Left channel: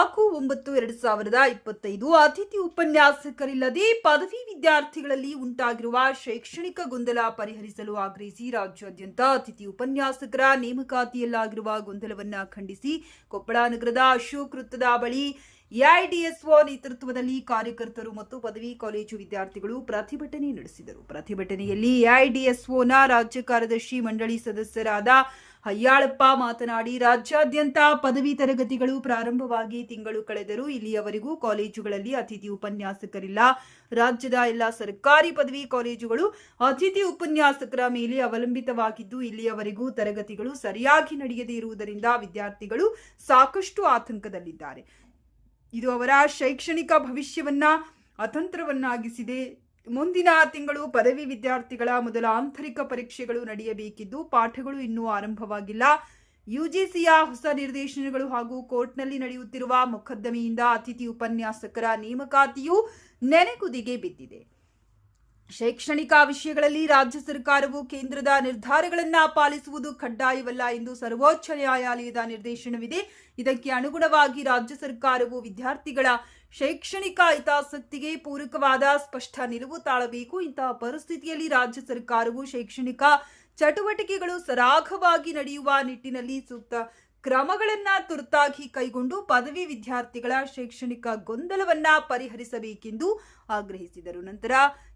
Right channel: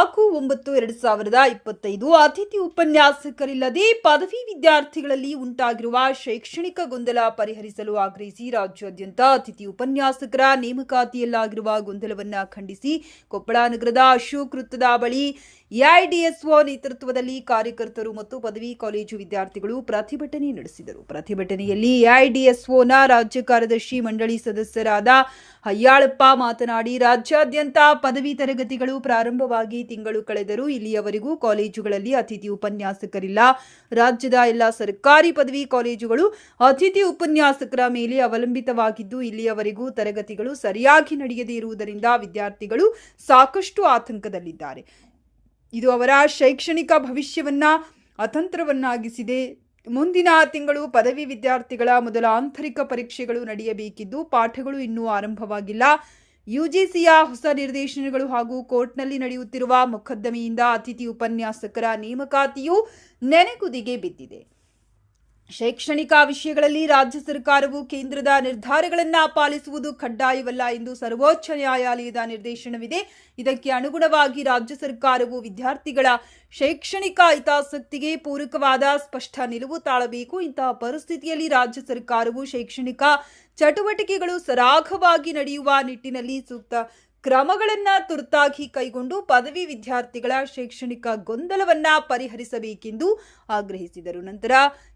ಒಂಬತ್ತು, ಎರಡು ಸಾವಿರದ ಇಪ್ಪತ್ತೈದು ಅತಿಥಿ ಉಪನ್ಯಾಸಕರಿಲ್ಲದೆ ಪದವಿ ವಿದ್ಯಾರ್ಥಿಗಳಲ್ಲಿ ಉಂಟಾಗಿರುವ ಶೈಕ್ಷಣಿಕ ಗೊಂದಲ ಪರಿಹರಿಸಲು ಆಗ್ರಹಿಸಿ ರಾಜ್ಯಾದ್ಯಂತ ಅತಿಥಿ ಉಪನ್ಯಾಸಕರ ನೇಮಕಾತಿಯಲ್ಲಾಗಿರುವ ಗೊಂದಲವನ್ನು ಖಂಡಿಸಿ ಕೊಪ್ಪಳ ನಗರದ ಅಶೋಕ್ ವೃತ್ತದ ಬಳಿ ಎಐಡಿಎಸ್ಒ ನೇತೃತ್ವದಲ್ಲಿ ಕಾರ್ಯಕರ್ತರು ಮತ್ತು ಪದವಿ ಕಾಲೇಜು ವಿದ್ಯಾರ್ಥಿಗಳು ಪ್ರತಿಭಟನೆ ನಡೆಸಿದರು. ಪ್ರತಿಭಟನೆಯಲ್ಲಿ ಎಐಡಿಎಸ್ಒನ ರಾಜ್ಯ ಕಾರ್ಯದರ್ಶಿ, ಮಂಡಳಿ ಸದಸ್ಯರಾದ ಹಯ್ಯಾಳಪ್ಪ ಮಾತನಾಡಿ, ರಾಜ್ಯಾದ್ಯಂತ ಪದವಿ ತರಗತಿಗಳು ಪ್ರಾರಂಭವಾಗಿ ತಿಂಗಳು ಕಳೆದರೂ ಇಲ್ಲಿಯವರೆಗೂ ಕಾಲೇಜುಗಳಲ್ಲಿ ಅತಿಥಿ ಉಪನ್ಯಾಸಕರಿಲ್ಲ. ರಾಜ್ಯದ ಎಲ್ಲ ಸರ್ಕಾರಿ ಪದವಿ ಕಾಲೇಜುಗಳು ಅತಿಥಿ ಉಪನ್ಯಾಸಕರ ಮೇಲೆ ಅವಲಂಬಿತವಾಗಿದ್ದು, ಇಲ್ಲಿಯವರೆಗೂ ತರಗತಿಗಳು ಸರಿಯಾಗಿ ನಡೆಯದೇ ಇರುವುದರಿಂದ ವಿದ್ಯಾರ್ಥಿಗಳು ಸಾಕಷ್ಟು ಆತಂಕದಲ್ಲಿದ್ದಾರೆ. ಇದು ಅವರ ಶೈಕ್ಷಣಿಕ ಭವಿಷ್ಯವನ್ನ ಅತಂತ್ರವನ್ನಾಗಿಸಿದೆ. ಮುಂದಿನ ತಿಂಗಳು ಪದವಿ ವಿದ್ಯಾರ್ಥಿಗಳ ಮೊದಲ ಆಂತರಿಕ ಪರೀಕ್ಷೆಗಳು ನಡೆಯಬೇಕಿದ್ದು ಪಾಠಗಳು ಇನ್ನೂ ಆರಂಭವಾಗಿಲ್ಲ. ಯುಜಿಸಿಯ ಹೊಸ ನಿರ್ದೇಶನಗಳು ಹಾಗೂ ಕೋರ್ಟ್ನಲ್ಲಿ ನಡೆಯುತ್ತಿರುವ ಮೊಕದ್ದಮೆಯಿಂದ ಅತಿಥಿ ಉಪನ್ಯಾಸಕರ ನೇಮಕಾತಿಯು ನೆನೆಗುದಿಗೆ ಬಿದ್ದಿದೆ. ಶೈಕ್ಷಣಿಕ ವಿಷಯಗಳಲ್ಲಿ ರಾಜ್ಯ ಸರ್ಕಾರವು ಕೇಂದ್ರದ ನಿರ್ಧಾರಗಳನ್ನು ಪಾಲಿಸುವುದು ಕಡ್ಡಾಯವಲ್ಲ ಎಂದು ಸರ್ವೋಚ್ಚ ನ್ಯಾಯಾಲಯದ ನಿರ್ದೇಶನವಿದೆ. ಇದಕ್ಕೆ ಅನುಗುಣವಾಗಿ ರಾಜ್ಯ ಸರ್ಕಾರವು ವಿದ್ಯಾರ್ಥಿಗಳ ಶೈಕ್ಷಣಿಕ ಹಿತಾಸಕ್ತಿಗೆ ಪೂರಕವಾದ ಸ್ಪಷ್ಟ ನಿಲುವು ತಾಳಬೇಕು. ಇಂತಹ ಪರಿಸ್ಥಿತಿಯಲ್ಲಿ ರಾಜ್ಯ ಸರ್ಕಾರವು ಶೈಕ್ಷಣಿಕ ಚಟುವಟಿಕೆಗಳು ಸರಾಗವಾಗಿ ನಡೆಯುವ ನಿಟ್ಟಿನಲ್ಲಿ ಸೂಕ್ತ ಕ್ರಮಗಳನ್ನು ತುರ್ತಾಗಿ ಕೈಗೊಂಡು ಪದವಿ ವಿದ್ಯಾರ್ಥಿಗಳ ಶೈಕ್ಷಣಿಕ ಗೊಂದಲವನ್ನ ಪರಿಹರಿಸಬೇಕೆಂದು ಆಗ್ರಹಿಸಿದರು. ನಂತರ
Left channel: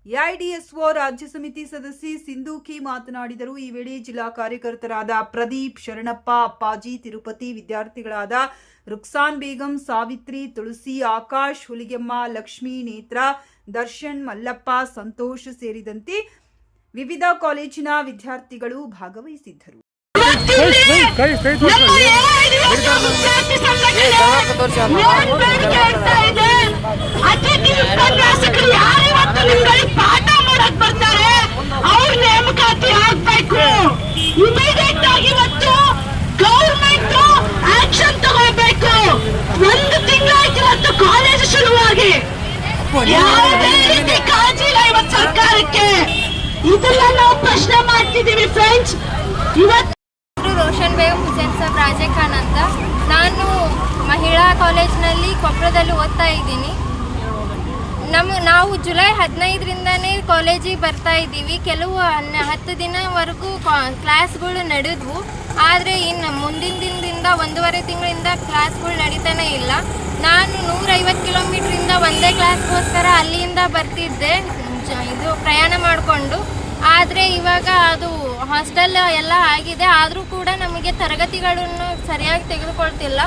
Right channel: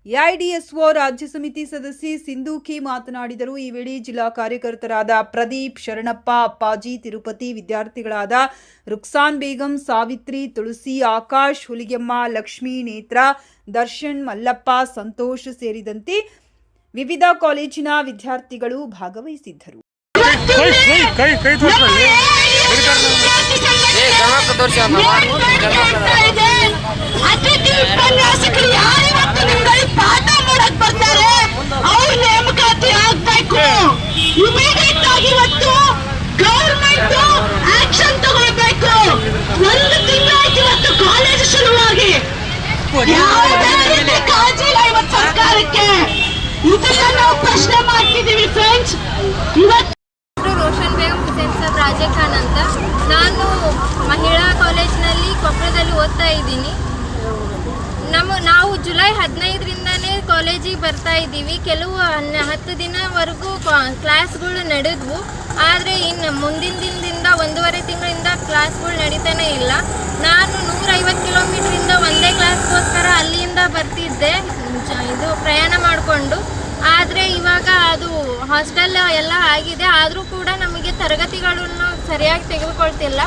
ಎಐಡಿಎಸ್ಒ ರಾಜ್ಯ ಸಮಿತಿ ಸದಸ್ಯೆ ಸಿಂಧೂಕಿ ಮಾತನಾಡಿದರು. ಈ ವೇಳೆ ಜಿಲ್ಲಾ ಕಾರ್ಯಕರ್ತರಾದ ಪ್ರದೀಪ್ ಶರಣಪ್ಪ, ಅಪ್ಪಾಜಿ, ತಿರುಪತಿ ವಿದ್ಯಾರ್ಥಿಗಳಾದ ರುಕ್ಸಾನ್ ಬೇಗಂ, ಸಾವಿತ್ರಿ, ತುಳಸಿ, ಆಕಾಶ್, ಹುಲಿಗೆಮ್ಮ, ಲಕ್ಷ್ಮೀ, ನೇತ್ರ, ದರ್ಶನ್, ಮಲ್ಲಪ್ಪ, ಸಂತೋಷ್ ಸೇರಿದಂತೆ ವಿವಿಧ ಕಾಲೇಜಿನ ವಿದ್ಯಾರ್ಥಿಗಳು ಭಾಗವಹಿಸಿದ್ದರು. ಕೈ ಕೈ ತೋರಿಸಿ ಅತಿಥಿ ಉಪನ್ಯಾಸಕರು ಯಾರಿವತ್ತು ನಿಮ್ಗಳಿಗೆ ಪಾಠ ಮಾಡಕ್ ಬರ್ತಾರೆ? ಅವ್ರ ನೇಮಕಾತಿ ಆಗ್ಬೇಕು. ಇಮಿಡಿಯೇಟ್ ಆಗಿ ಇವತ್ತು ಗೌರ್ಮೆಂಟ್ ಆಕ್ಷನ್ ತಗೊಳ್ಬೇಕು. ಒಂದು ತಿಂಗಳಾಯ್ತು ಇವತ್ತು ಕಾಲೇಜ್ ಶುರುವಾಗಿ. ಯಾವುದೇ ರೀತಿ ಕಾಳಜಿ ಇಲ್ಲ ಇವತ್ತು ಸರ್ಕಾರಕ್ಕೆ. ಇದನ್ನ ನಾವು ಪ್ರಶ್ನೆ ಮಾಡ್ತಿದ್ದೀವಿ ಫ್ರೆಂಡ್ಸ್ ಇವತ್ತು ಕಾಲೇಜ್ನಲ್ಲಿ ಕೊಪ್ಪಳದಲ್ಲಿ ಓದ್ತಾ ಇದ್ದೀನಿ. ನಮ್ಮ ನಾವು ಜುಲೈ ಹದಿನೈದರಿಂದನೇ ಕಾಲೇಜಿಗೆ ಬರ್ತಾ ಇದ್ದೀವಿ. ಕೆಲವು ಹತ್ತು ದಿನವರೆಗೂ ಕ್ಲಾಸ್ಗಳು ನಡೆದ್ವು. ಆದರೆ ಇನ್ನು ಮುಂದಿನ ದಿನದಿಂದ ಒಂದೂವರೆ ತಿಂಗಳಿಂದ ಕ್ಲಾಸ್ಗಳು ನಡೀತಾನೆ ಇಲ್ಲ. ನಾನು ನೂರೈವತ್ತು ಕಿಲೋಮೀಟ್ರಿಂದ ಒಂದೇ ಕ್ಲಾಸ್ಗೋಸ್ಕರ ಅಲ್ಲಿಂದ ಬರ್ತಿದ್ದೆ. ಇದು ಪ್ರಯಾಣ ಮಾಡಿಕೊಂಡು. ಆದರೆ ಇವಾಗ ಅದು ಹಾಸ್ಟೆಲ್ ಎಲ್ಲ ಆಗಿದೆ. ಆದರೂ ಕೂಡ ನಮಗೆ ತರಗತಿಗಳನ್ನು ಸರಿಯಾಗಿ ತೆಗೆದುಕೊಳ್ತಿಲ್ಲ.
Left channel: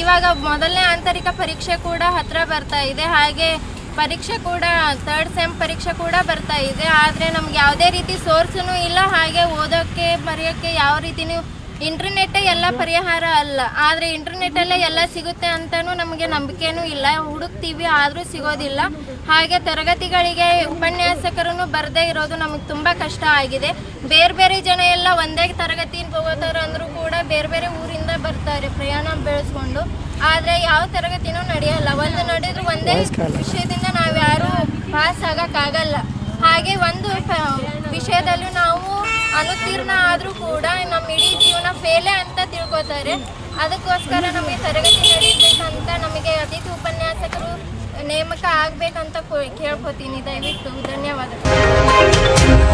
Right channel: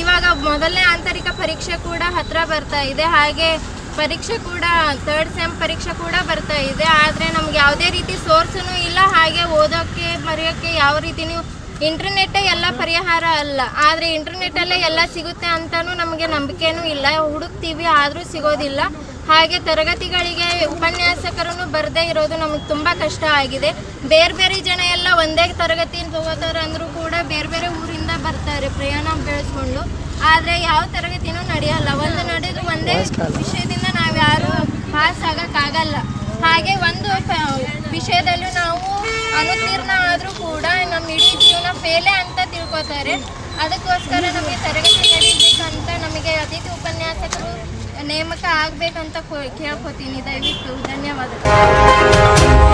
ಇವಾಗ ಮೊದಲನೇ ಆಂತರಿಕ ಪರೀಕ್ಷೆ ಕೂಡ ಹತ್ರ ಬರ್ತಾ ಇದೆ. ಹಾಗೆ ಪರೀಕ್ಷೆ ಕೂಡ ಥರ್ಡ್ ಸೆಮ್ ಪರೀಕ್ಷೆ ಕೂಡ ಬರ್ತಾ ಇದೆ. ಆದರೆ ನಮ್ಗೆ ಯಾವುದೇ ರೀತಿ ಸೋರ್ಸೂ ಇಲ್ಲ. ಹಾಗೆ ಓದೋಕ್ಕೆ, ಬರೆಯೋಕ್ಕೆ ಯಾವ ರೀತಿನೂ ಇಂಟರ್ನೆಟ್ಟೇ ಎಲ್ಲ ಪರಿಹಾರ ಅಲ್ಲ. ಆದರೆ ಇಂಟರ್ನೆಟ್ಟಲ್ಲೇ ಎಲ್ಲ ಸಿಗುತ್ತೆ ಅಂತಲೂ ನಮಗೆ ನಂಬಿಕೆನೂ ಇಲ್ಲ. ಹುಡುಕ್ತೀವಿ, ಆದರೂ ಸಿಗೋದಿಲ್ಲ. ಹಾಗೆ ತರಗತಿಗಳಿಗೆ ಉಪನ್ಯಾಸಕರನ್ನು ಬರದೇ ಇರೋದು ನಮಗೆ ತುಂಬ ಕಷ್ಟ ಆಗಿದೆ. ಬೇರೆ ಬೇರೆ ಜನ ಎಲ್ಲ ಒಂದೇ ತರಗತಿಯಿಂದ ಹೋಗೋದವ್ರು ಅಂದರೂ ಕೂಡ ಬೇರೆ ಬೇರೆ ಊರಿಂದ ಬರ್ತಾರೆ ಪ್ರಯಾಣ ಬೆಳೆಸ್ಕೊಂಡು. ಆದರೆ ಯಾವ ತರಗತಿನೂ ನಡೆಯಲ್ಲ. ಒಂದು ನಡೆದು ಒಂದೇ ವಿಷಯದಿಂದ ನಾವು ಯಾರೂ ಪಾಸ್ ಆಗೋಕ್ಕಾಗಲ್ಲ ಹಾಗೆ ಒಂದು ವಿಷಯದಲ್ಲಿ ನಾವು ಅನುತ್ತೀರ್ಣ ಆದರೂ ಕೂಡ ನಮ್ಮ ಇಡೀ ಜೀವನ ಫೇಲೇ ಅಂತ ತಿಳ್ಕೊತಾರೆ. ಅದಕ್ಕೋಸ್ಕರ ನಮಗೆ ತರಗತಿ ನಡೀಬೇಕಂತ ನಮಗೆ ಅತಿಥಿ ಉಪನ್ಯಾಸಕರು ನೇಮಕ ಆಗ್ಬೇಕಂತ ಕೇಳ್ಕೊತೀನಿ. ದಯವಿಟ್ಟು ಧನ್ಯವಾದಗಳು.